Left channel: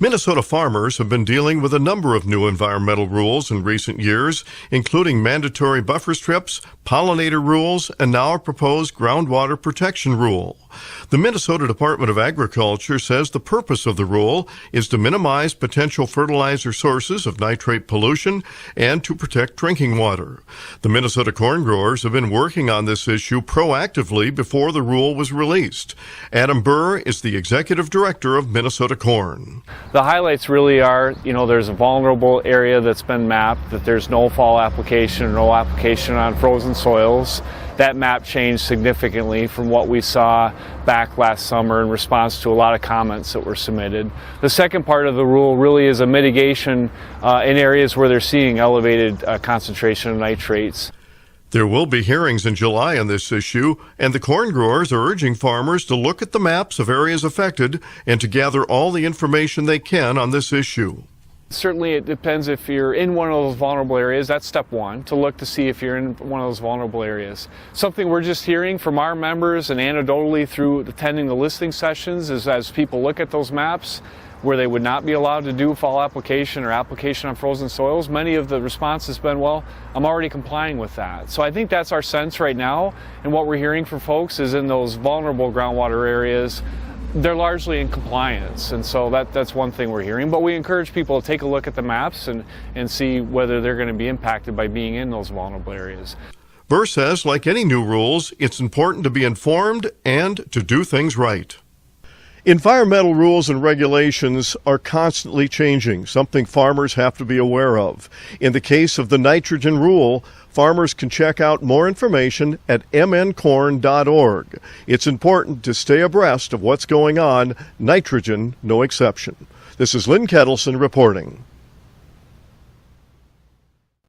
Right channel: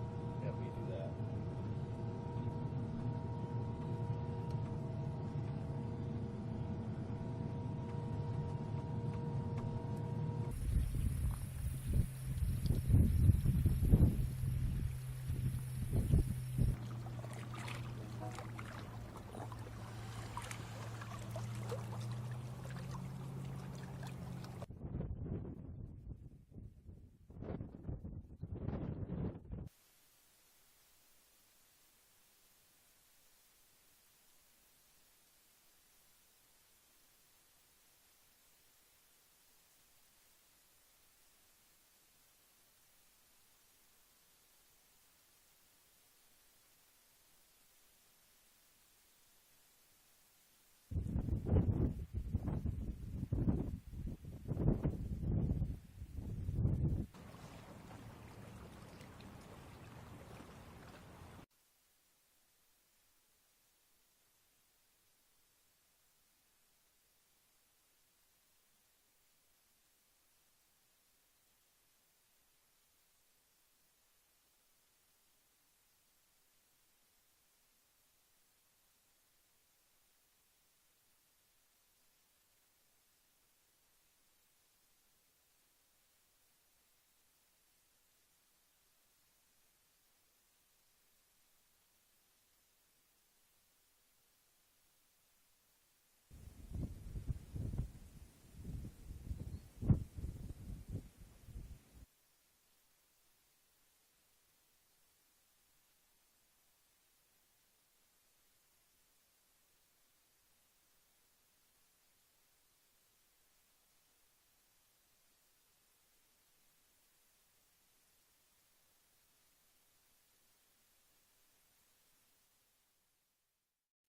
Minnesota farmers have been dealing with a number of new environmental rules in recent years, including mandatory buffer strips, pollinator rules, and now a proposed Groundwater Protection Rule. The Minnesota Department of Agriculture says the purpose of the rule is to minimize potential fertilizer sources of nitrate pollution and to protect drinking water. The Minnesota corn growers have been working on this issue proactively before the rule was released. Adam Birr is the executive director of Minnesota Corn. The highlights really are, there's a vulnerable area that's been mapped, that there's no fall application or no application on frozen soils. That map changed significantly from what we saw back last summer in response to a lot of comments that were submitted. The second part of the rule really is a mitigation in areas where they're seeing elevated concentration of nitrates. There will be hearings in July on this issue, and the corn growers are urging farmers to look at the maps of areas affected and to gather all the information they can on this issue. Certainly it depends if you're in one of those vulnerable areas. That's step one, to look to see if you're in one of those vulnerable areas. Something we're just hearing from our members and anecdotally through attending the listening sessions is as people look at those maps where they would not be allowed to do fall application or application on frozen soils, many of the response has been, well, I'm already complying with that. So I think that's our sense right now, and what we're hearing from folks is in those vulnerable groundwater areas, they're largely in compliance, and so that's one thing we're hearing. But we encourage people to take a look at the maps and see whether they're going to be impacted by being in those vulnerable areas. Birr says, like any new rules, it's important to be informed and to do things right. Environmental rules and regulations are constantly changing, something farmers have to be aware of. In the case of the nitrogen rule, farmers can check out more information at mncorn.org. It's important to stay abreast of what's going on, nitrogen no exception. This is Lynn Kettleson reporting.